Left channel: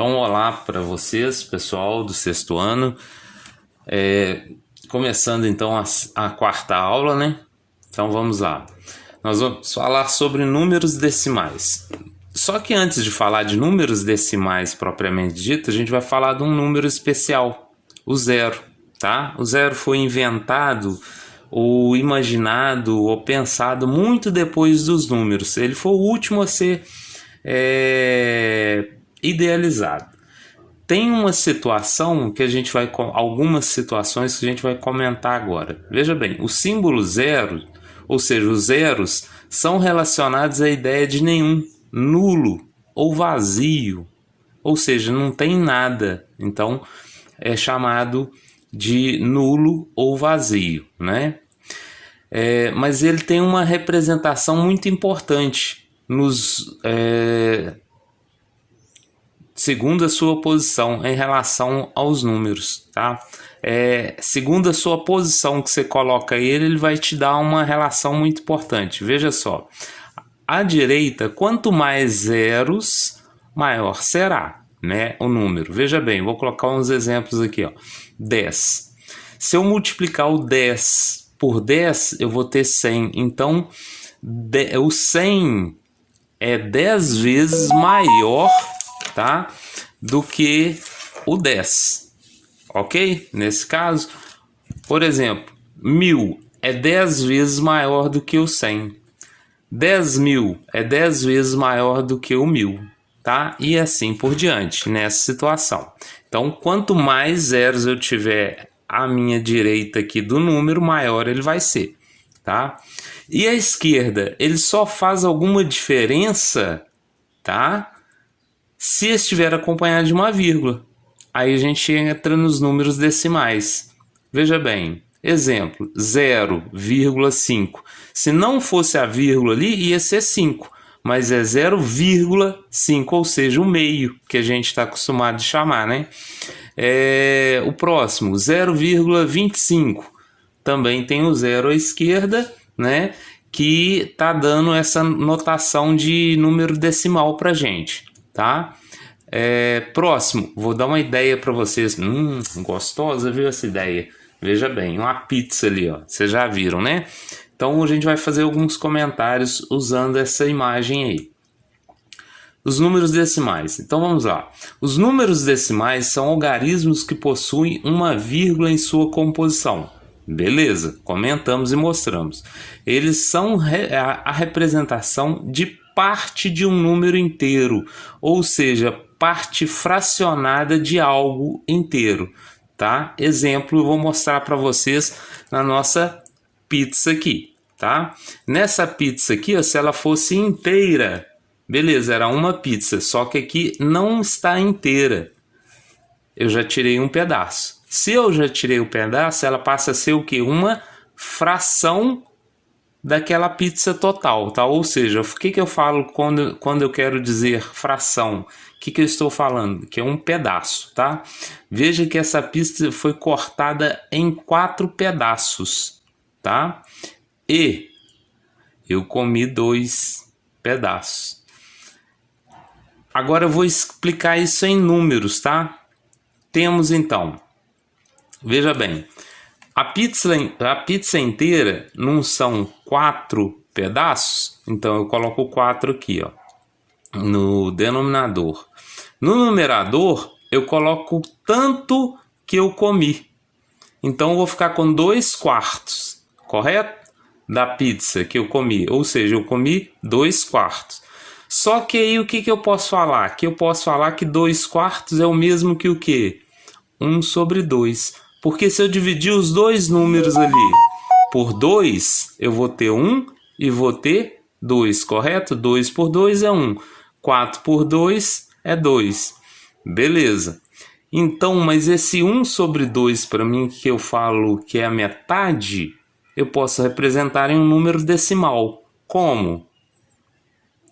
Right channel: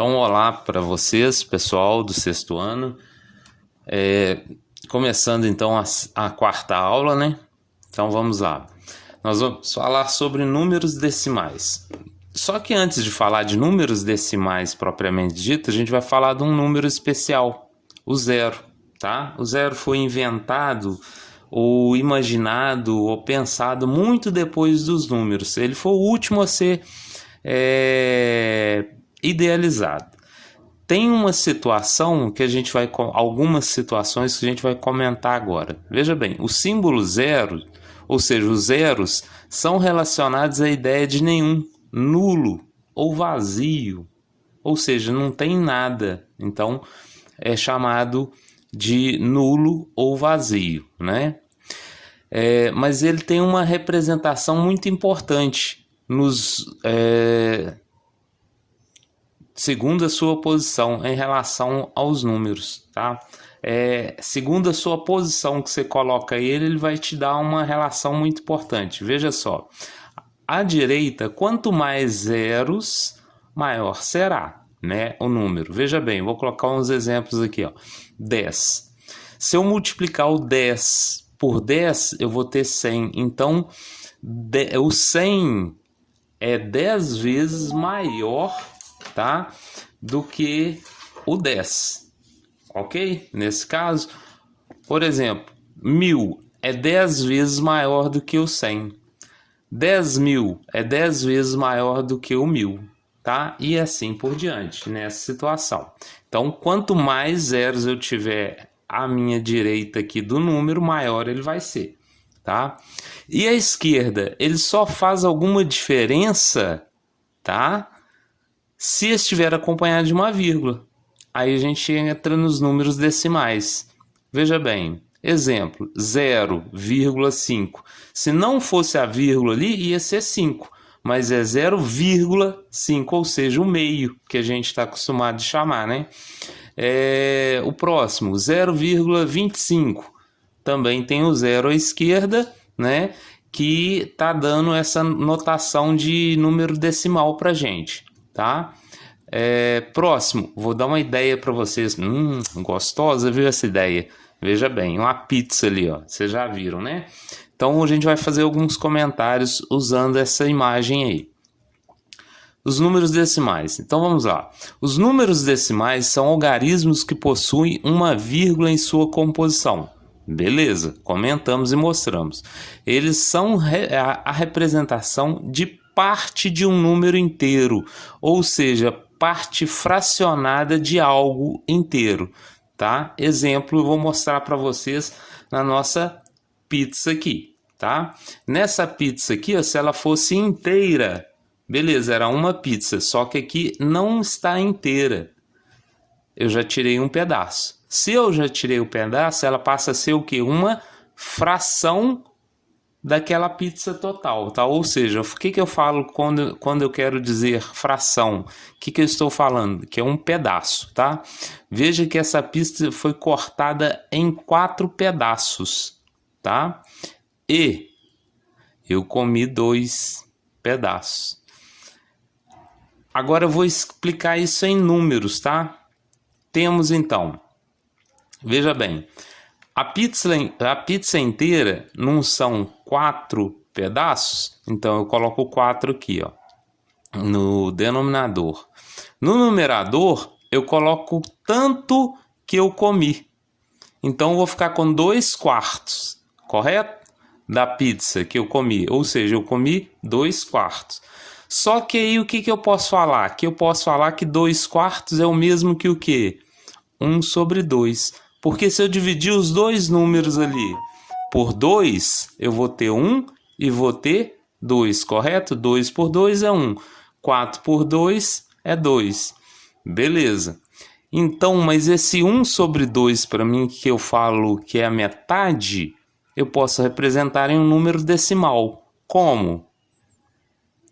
Então, olá para vocês, pessoal do sexto ano. Começando então a quarta aula, né? Então vamos lá. Nós vamos falar sobre números decimais. Só que antes de falar de números decimais propriamente dito, a gente vai falar de um número especial, o zero, tá? O zero foi inventado ou imaginado ou pensado muito depois dos números. Ele foi o último a ser idealizado. Tem uma situação que a gente vai, algumas situações que a gente vai comentar agora. Veja bem, o símbolo zero, ou seja, os zeros, são relacionados à ideia de nenhum, nulo ou vazio, ou seja, não tem nada. Então é chamado de nulo ou vazio, né? Mas ele tem uma representação muito importante segundo a sua posição em relação aos números, tá? Segundo a sua posição que você coloca ele vai te dar uma relação muito importante. Veja só, à direita, quanto mais zeros, maior será, né, o número. Veja bem, vou colocar uns exemplos aqui, ó. 10. Se eu multiplicar o 10 por 10, eu vou ter 100. Então, o 100 é 10 vezes maior, tá, do que o 10, ok? Nesse caso, por exemplo, 1000 é 10 vezes maior do que o 100. 10.000 é 10 vezes maior do que o 1000, tá? E assim por diante, nessa situação. Então, quanto mais zeros eu tiver à minha direita aqui do número, maior ele vai ser, tá? E à esquerda, ele só faz alguma diferença, tá, se estiver acompanhado de uma vírgula. Aí a gente entra nos números decimais. Veja bem, exemplo, 0,5. Se não fosse a vírgula ali, ia ser 5, mas é 0,5, ou seja, o meio, que a gente está acostumado a chamar, né? O próximo, 0,25. Também tem o zero à esquerda, né, que está dando essa notação de número decimal para a gente, tá? Próximo, vou dar uma ideia para vocês. Gostosa, viu essa ideia? Veja bem, uma pizza ali, ó. Vocês já viram, né? Então a gente vai fazer alguns comentários usando essa imagem aí. Os números decimais. Então vamos lá. Os números decimais são algarismos que possuem uma vírgula em sua composição. Beleza, comentamos e mostramos. Eles são a representação de parte de um número inteiro, ou seja, parte fracionada de algo inteiro, tá? Exemplo, eu vou mostrar para vocês na nossa pizza aqui, tá? Nessa pizza aqui, ó, se ela fosse inteira, beleza, era uma pizza, só que aqui não está inteira. Eu já tirei um pedaço. Se eu já tirei o pedaço, ela passa a ser o quê? Uma fração daquela pizza total, tá? Ou seja, o que eu falo quando eu quero dizer fração? O que eu estou falando? Que é um pedaço, tá? Veja que essa pizza foi cortada em 4 pedaços, tá? E eu comi 2 pedaços. Agora eu vou explicar isso em números, tá? Temos então, veja bem, a pizza inteira não são 4 pedaços, então eu coloco 4 aqui, ó, no denominador. No numerador, eu coloco tanto que eu comi. Então eu vou ficar com 2 quartos, correto? Da pizza que eu comi, ou seja, eu comi 2 quartos. Só que aí o que eu posso falar? Que eu posso falar que 2 quartos é o mesmo que o quê? 1 sobre 2. Porque se eu dividir os dois números ali por 2, eu vou ter 1 e vou ter 2, correto? 2 por 2 é 1. 4 por 2 é 2. Beleza. Então, mas esse 1 sobre 2, para mim, que eu falo que é a metade, eu posso representar em um número decimal. Como?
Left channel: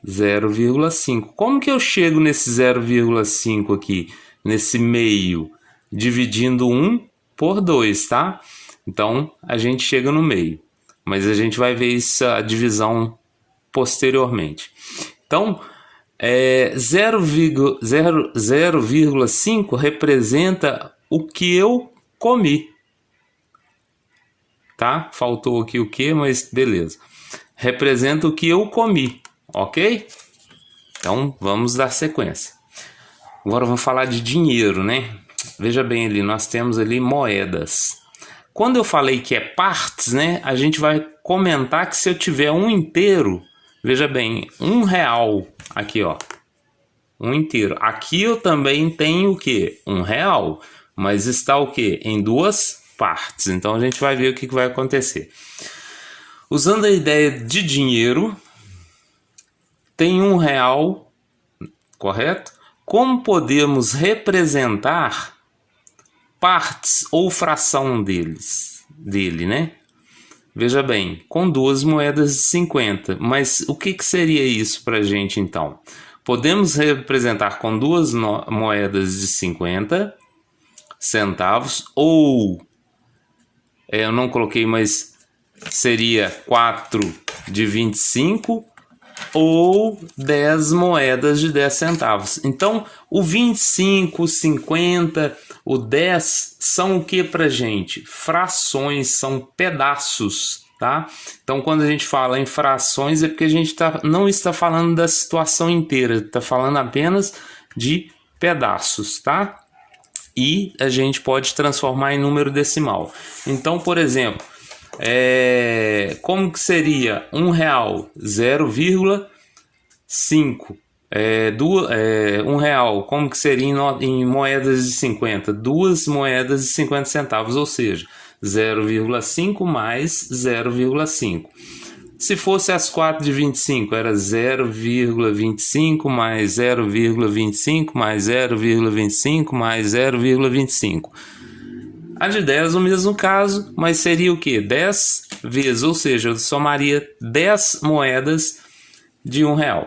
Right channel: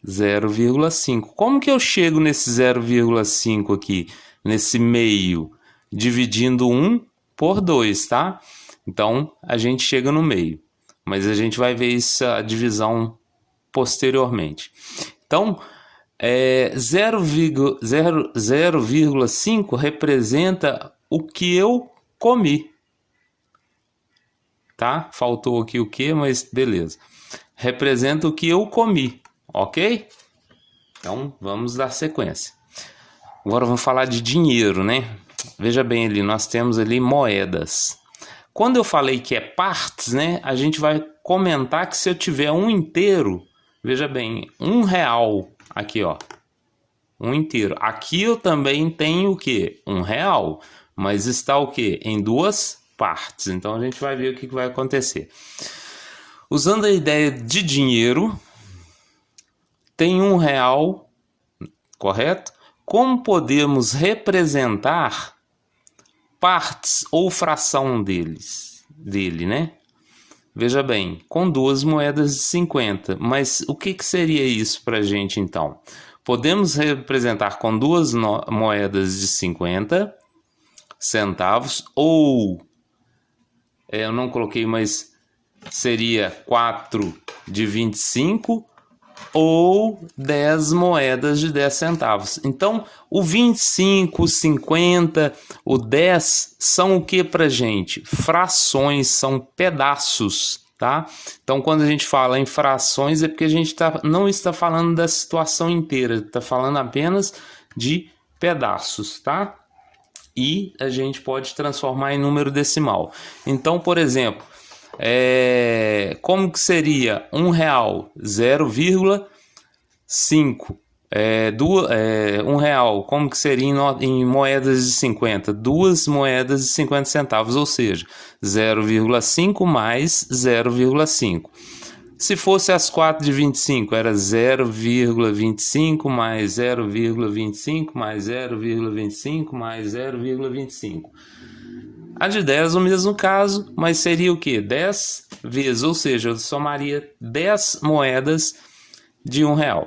0,5. Como que eu chego nesse 0,5 aqui, nesse meio? Dividindo 1 por 2, tá? Então, a gente chega no meio. Mas a gente vai ver essa divisão posteriormente. Então, 0,5 representa o que eu comi. Tá? Faltou aqui o que, mas beleza. Representa o que eu comi, ok? Então, vamos dar sequência. Agora vamos falar de dinheiro, né? Veja bem ali, nós temos ali moedas. Quando eu falei que é partes, né? A gente vai comentar que se eu tiver um inteiro, veja bem, R$1 aqui, ó. Um inteiro. Aqui eu também tenho o quê? R$1, mas está o quê? Em duas partes. Então a gente vai ver o que vai acontecer. Usando a ideia de dinheiro, tem R$1, correto? Como podemos representar partes ou fração dele, né? Veja bem, com duas moedas de 50. Mas o que seria isso para a gente então? Podemos representar com duas moedas de 50 centavos ou, eu não coloquei, mas seria 4 de 25 ou 10 moedas de 10 centavos. Então, o 25, o 50, o 10 são o que pra gente? Frações, são pedaços, tá? Então, quando a gente fala em frações é porque a gente não está falando da situação inteira, está falando apenas de pedaços, tá? E a gente pode transformar em número decimal. Então, por exemplo, como que seria R$1? 0,5. R$1, como que seria em moedas de 50? Duas moedas de 50 centavos, ou seja, 0,5 mais 0,5. Se fosse as 4 de 25, era 0,25 mais 0,25 mais 0,25 mais 0,25. A de 10 o mesmo caso, mas seria o quê? 10 vezes, ou seja, eu somaria 10 moedas de R$1.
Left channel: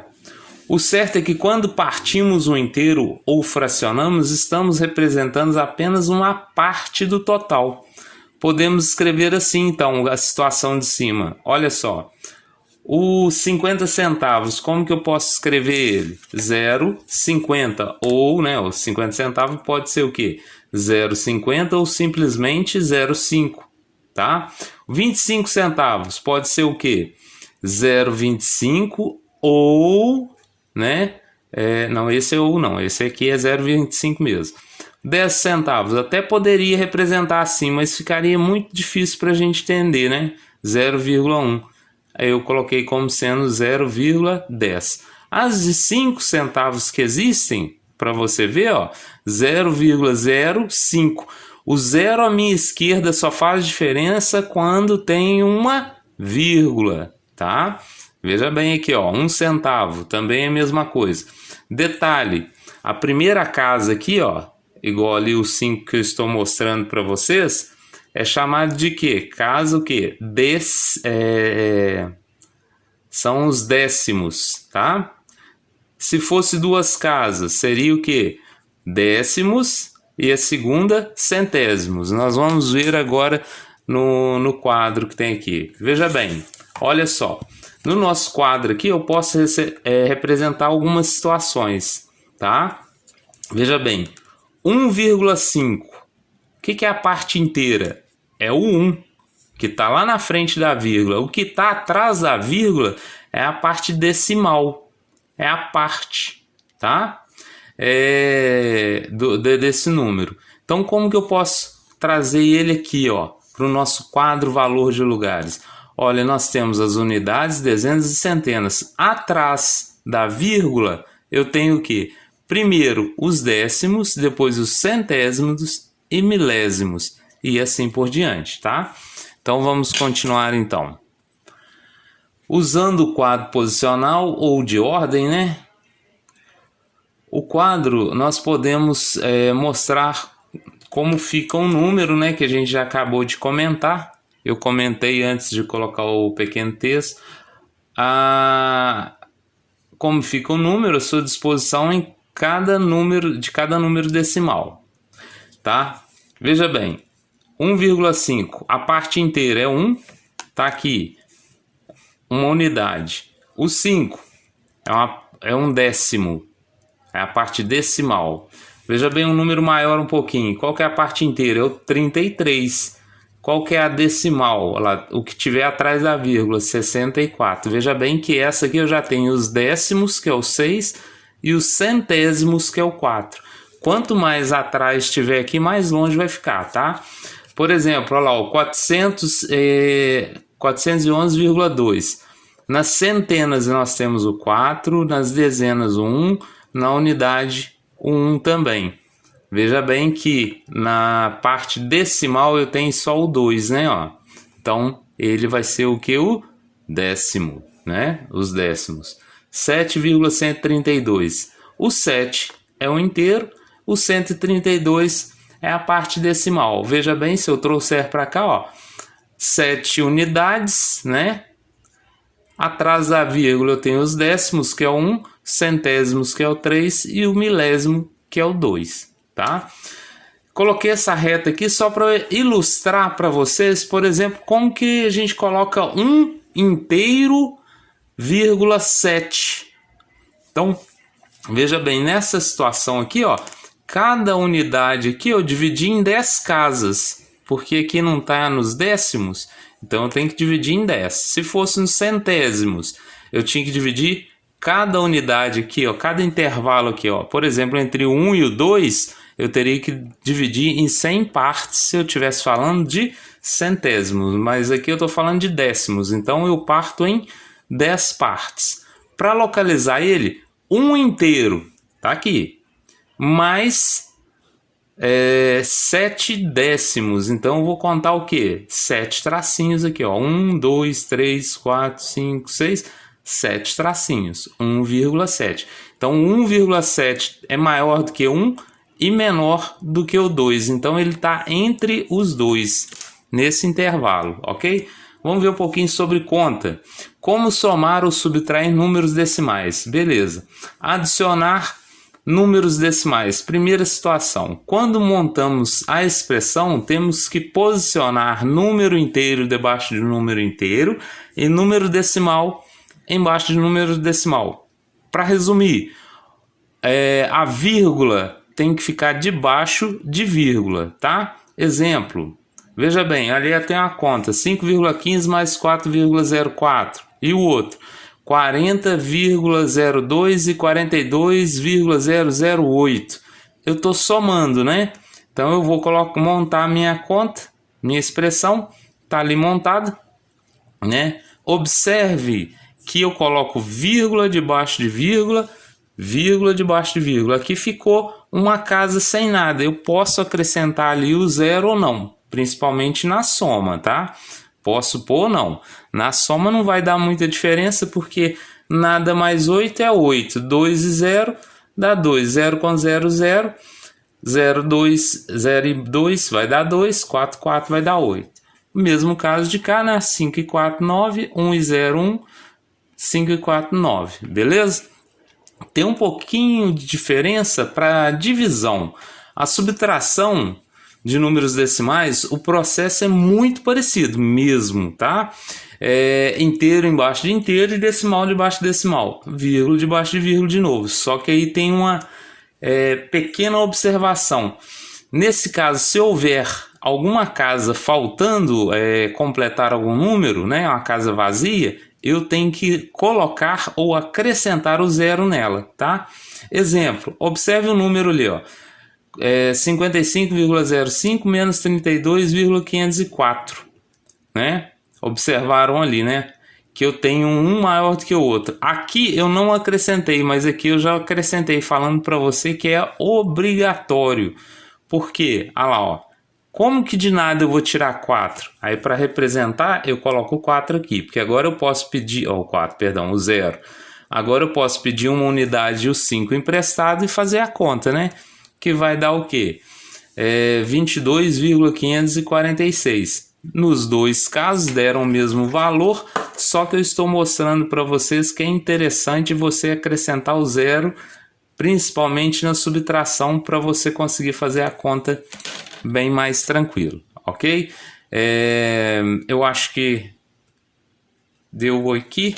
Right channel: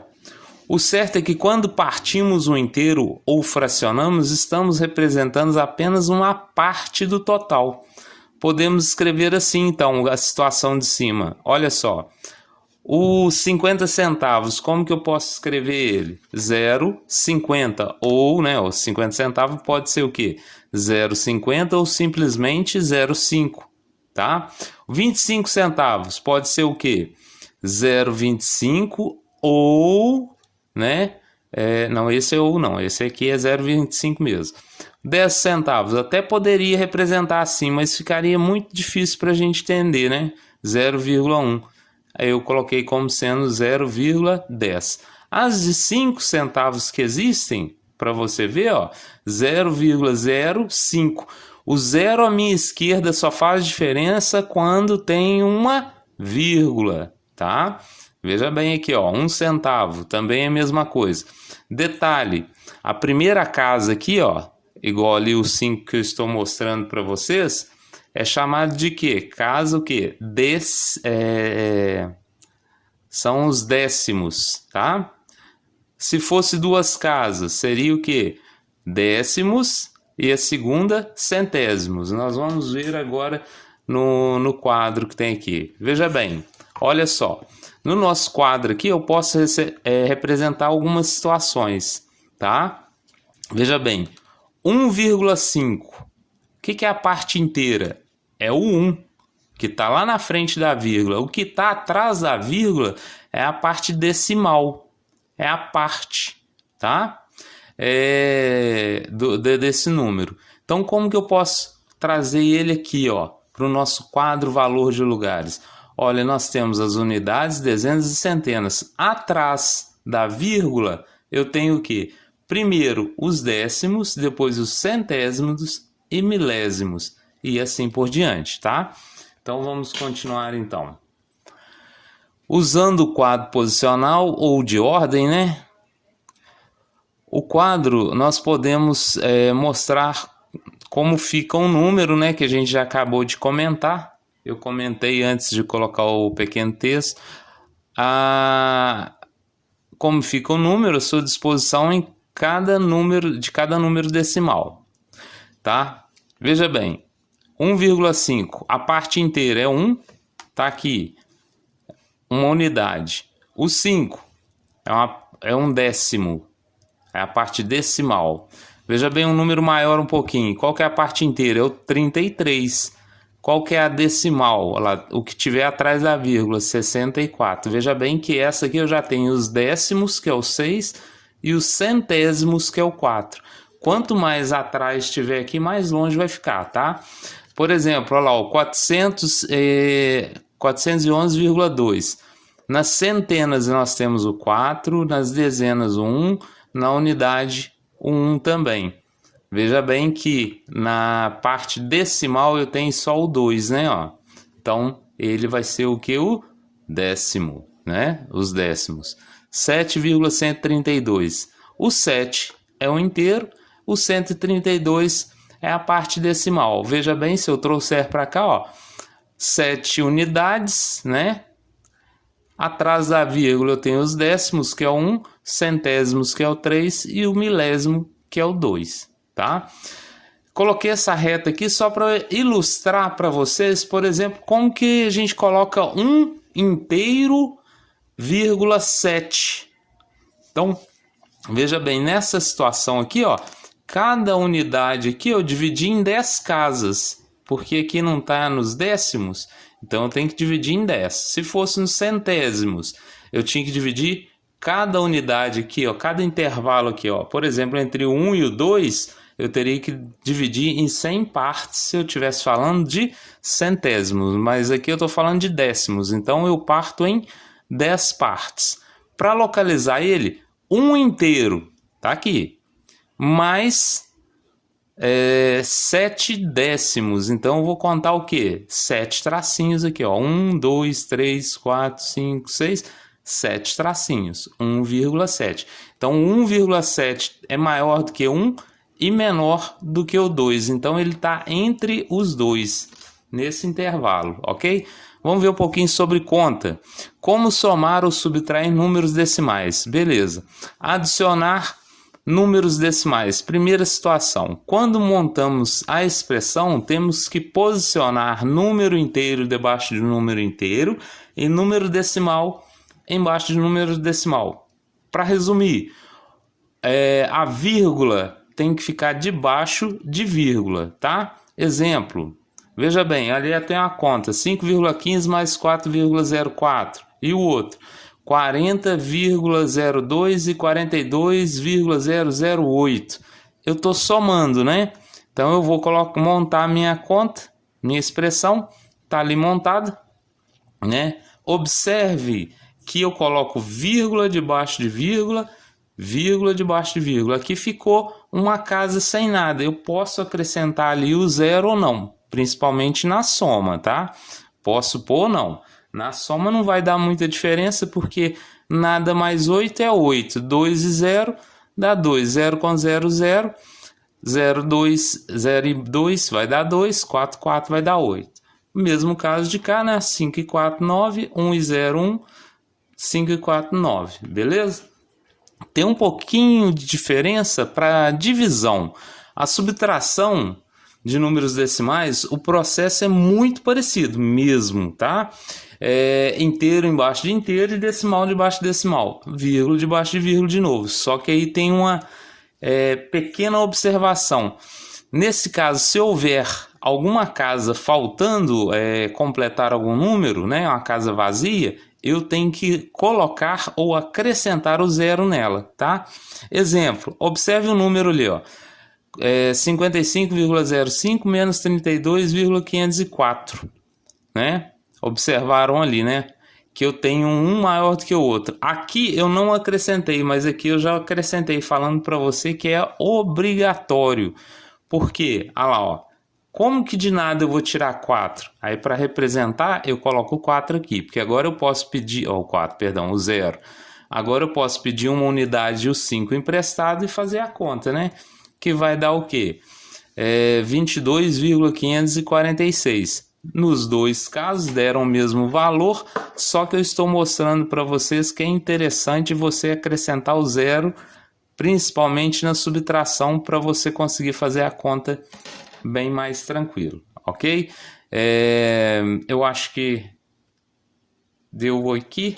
O certo é que quando partimos um inteiro ou fracionamos, estamos representando apenas uma parte do total. Podemos escrever assim, então, a situação de cima. Olha só, os 50 centavos, como que eu posso escrever ele? 0,50 ou, né, os 50 centavos pode ser o quê? 0,50 ou simplesmente 0,5, tá? 25 centavos pode ser o quê? 0,25 ou, né? Não, esse é ou não, esse aqui é 0,25 mesmo. 10 centavos até poderia representar assim, mas ficaria muito difícil para a gente entender, né? 0,1. Aí eu coloquei como sendo 0,10. As de 5 centavos que existem, para você ver, ó, 0,05. O zero à minha esquerda só faz diferença quando tem uma vírgula, tá? Veja bem aqui, ó, 1 centavo, também é a mesma coisa. Detalhe, a primeira casa aqui, ó, igual ali os 5 que eu estou mostrando para vocês, é chamado de quê? Casa o quê? São os décimos, tá? Se fosse duas casas, seria o quê? Décimos e a segunda, centésimos. Nós vamos ver agora no quadro que tem aqui. Veja bem, olha só. No nosso quadro aqui eu posso representar algumas situações, tá? Veja bem, 1,5. O que é a parte inteira? É o 1, que está lá na frente da vírgula. O que está atrás da vírgula é a parte decimal. É a parte, tá? Desse número. Então, como que eu posso trazer ele aqui, ó, para o nosso quadro valor de lugares? Olha, nós temos as unidades, dezenas e centenas. Atrás da vírgula, eu tenho o quê? Primeiro os décimos, depois os centésimos e milésimos, e assim por diante, tá? Então, vamos continuar, então. Usando o quadro posicional ou de ordem, né? O quadro, nós podemos mostrar como fica um número, né? Que a gente já acabou de comentar. Eu comentei antes de colocar o pequeno texto. Como fica o número, a sua disposição em cada número decimal, tá? Veja bem, 1,5, a parte inteira é 1, tá aqui, uma unidade. O 5 é um décimo, é a parte decimal. Veja bem um número maior um pouquinho. Qual que é a parte inteira? É o 33. Qual que é a decimal? Lá, o que tiver atrás da vírgula, 64. Veja bem que essa aqui eu já tenho os décimos, que é o 6, e os centésimos, que é o 4. Quanto mais atrás estiver aqui, mais longe vai ficar, tá? Por exemplo, olha lá, o 411,2. Nas centenas nós temos o 4, nas dezenas o 1, na unidade o 1 também. Veja bem que na parte decimal eu tenho só o 2, né? Ó. Então ele vai ser o que? O décimo, né? Os décimos. 7,132. O 7 é o inteiro, o 132 é a parte decimal. Veja bem, se eu trouxer para cá, ó, 7 unidades, né? Atrás da vírgula eu tenho os décimos, que é o 1, centésimos, que é o 3, e o milésimo, que é o 2, tá? Coloquei essa reta aqui só para ilustrar para vocês, por exemplo, como que a gente coloca 1 inteiro, vírgula 7. Então, veja bem, nessa situação aqui, ó, cada unidade aqui eu dividi em 10 casas, porque aqui não está nos décimos, então eu tenho que dividir em 10. Se fosse nos centésimos, eu tinha que dividir cada unidade aqui, ó, cada intervalo aqui, ó. Por exemplo, entre o 1 e o 2, eu teria que dividir em 100 partes se eu estivesse falando de centésimos, mas aqui eu estou falando de décimos, então eu parto em 10 partes. Para localizar ele, 1 inteiro, tá aqui, mais 7 décimos, então eu vou contar o que? 7 tracinhos aqui, ó. 1, 2, 3, 4, 5, 6, 7 tracinhos, 1,7. Então 1,7 é maior do que 1 e menor do que o 2, então ele está entre os dois, nesse intervalo, ok? Vamos ver um pouquinho sobre conta. Como somar ou subtrair números decimais? Beleza. Adicionar números decimais. Primeira situação. Quando montamos a expressão, temos que posicionar número inteiro debaixo de número inteiro e número decimal embaixo de número decimal. Para resumir, a vírgula tem que ficar debaixo de vírgula, tá? Exemplo. Veja bem, ali tem uma conta, 5,15 mais 4,04. E o outro, 40,02 e 42,008. Eu estou somando, né? Então eu vou montar a minha conta, minha expressão, está ali montada, né? Observe que eu coloco vírgula debaixo de vírgula, vírgula debaixo de vírgula. Aqui ficou uma casa sem nada. Eu posso acrescentar ali o zero ou não, principalmente na soma, tá? Posso pôr ou não. Na soma não vai dar muita diferença, porque nada mais 8 é 8. 2 e 0 dá 2. 0 com 0, 0. 0, 2, 0 e 2 vai dar 2. 4, 4 vai dar 8. Mesmo caso de cá, né? 5 e 4, 9. 1 e 0, 1. 5 e 4, 9. Beleza? Tem um pouquinho de diferença para divisão. A subtração de números decimais, o processo é muito parecido mesmo, tá? Inteiro embaixo de inteiro e decimal debaixo de decimal, vírgula debaixo de vírgula de novo. Só que aí tem uma pequena observação. Nesse caso, se houver alguma casa faltando completar algum número, né, uma casa vazia, eu tenho que colocar ou acrescentar o zero nela, tá? Exemplo, observe o número ali, ó. 55,05 menos 32,504, né? Observaram ali, né? Que eu tenho um maior do que o outro. Aqui eu não acrescentei, mas aqui eu já acrescentei, falando para você que é obrigatório. Por quê? Olha lá, ó. Como que de nada eu vou tirar 4? Aí para representar eu coloco o 4 aqui, porque agora eu posso pedir, o 4, perdão, o 0. Agora eu posso pedir uma unidade e o 5 emprestado e fazer a conta, né? Que vai dar o quê? 22,546. Nos dois casos deram o mesmo valor, só que eu estou mostrando para vocês que é interessante você acrescentar o zero, principalmente na subtração, para você conseguir fazer a conta bem mais tranquilo, ok? Eu acho que deu aqui.